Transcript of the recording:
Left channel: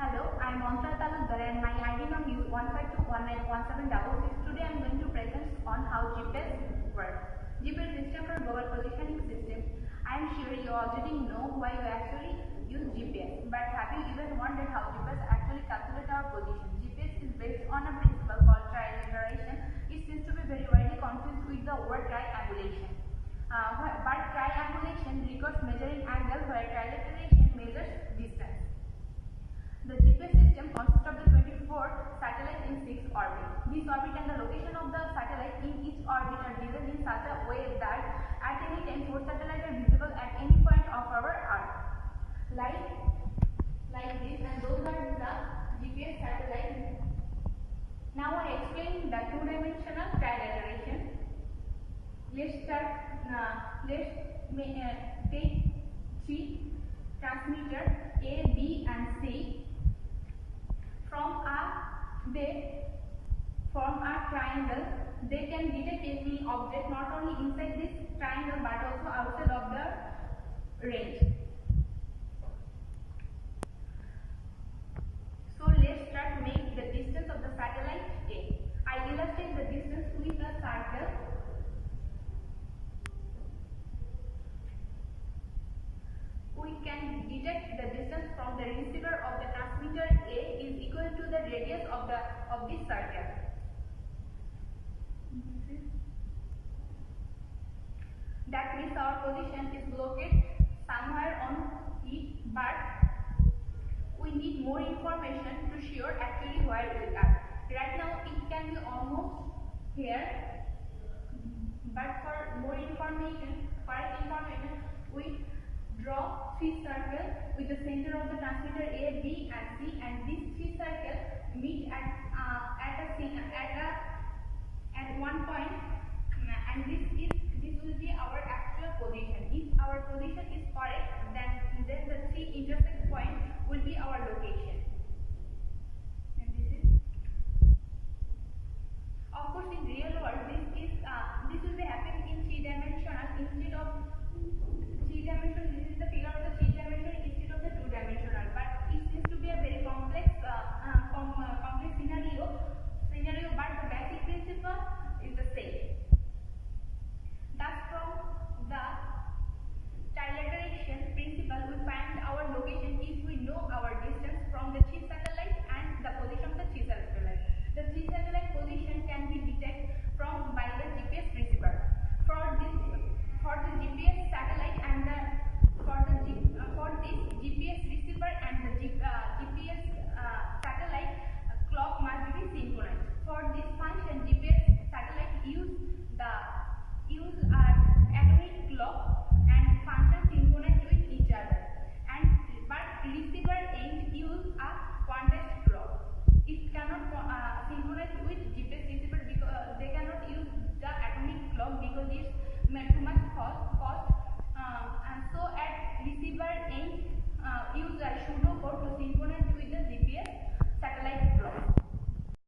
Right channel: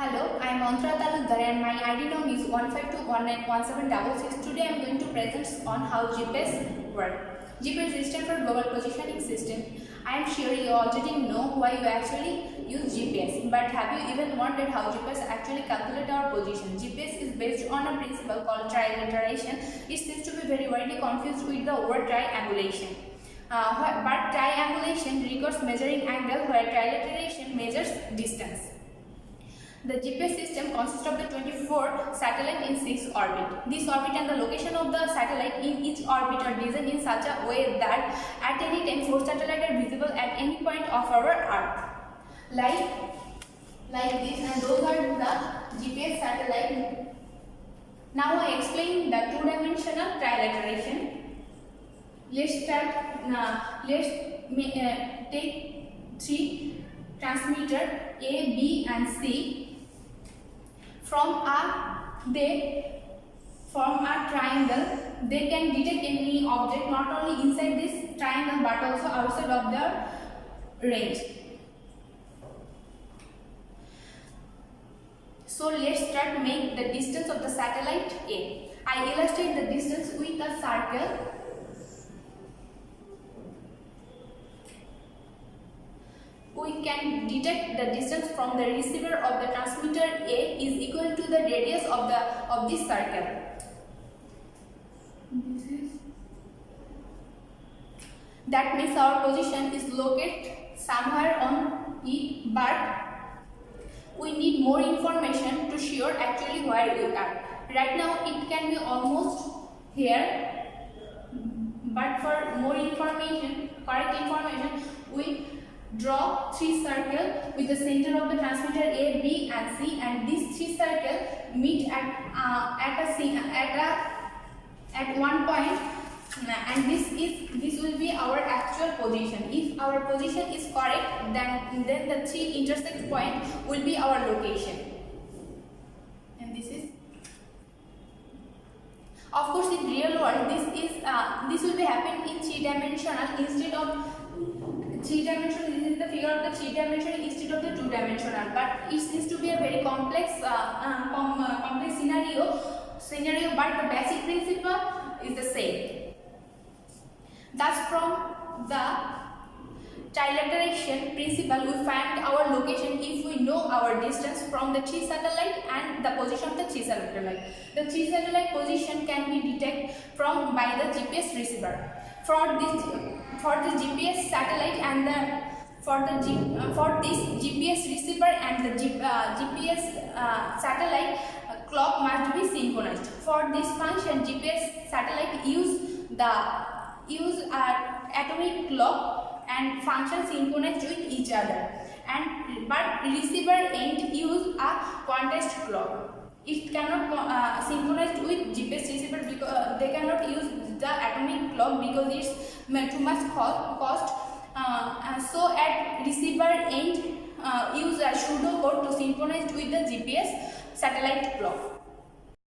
Hello, I am Mantra Talukdar and my ID number is 152191766. Today I am going to present on how GPS works. GPS is stands for Global Positioning System. I am sure you already know why you actually use GPS, but have you even wondered how GPS actually calculates our position? GPS is based on a principle called trilateration. It seems to be very widely confused with the word triangulation. But triangulation requires measuring angle, where trilateration measures distance. The GPS system consists of the 24 satellites in 6 orbits. This orbit and the location of the satellite in each orbit are designed in such a way that at any time 4 satellites are visible at any point of our Earth. Like this, and those are the GPS satellite. Now I explain the two-dimensional trilateration. Let's start. Let's take 3 transmitters A, B, and C. From they form a triangle. They can detect any object not only inside this triangle but also outside of the range. So let's start make the distance of the satellite A. I illustrate the distance with a circle. We can detect the distance from the receiver of the transmitter A is equal to the radius of this circle. That means our position is located somewhere on it, but we need more information to sure actually where we are. Right now it can be almost here, but for more information, correct information, we draw 3 circles with the center of the transmitter A, B, and C, and these 3 circles meet at one point, and this will be our actual position. If our position is correct, then the 3 intersect point will be our location. And this is, of course, in real world this will be happening in 3-dimensional instead of 3-dimensional. This is the figure of the 3-dimensional instead of the 2-dimensional, but it seems to be a very complex scenario, but the basic principle is the same. Thus, from the trilateration principle, we find our location if we know our distance from the 3 satellite and the position of the 3 satellite. The 3 satellite position can be detected by the GPS receiver. For the GPS satellite and for this GPS receiver and the GPS satellite, clock must be synchronized. For this function, GPS satellite use atomic clock and function synchronized with each other, but receiver end use a quantized clock. It cannot synchronize with GPS receiver because they cannot use the atomic clock because it's too much cost. So at receiver end use a pseudocode to synchronize with the GPS satellite clock.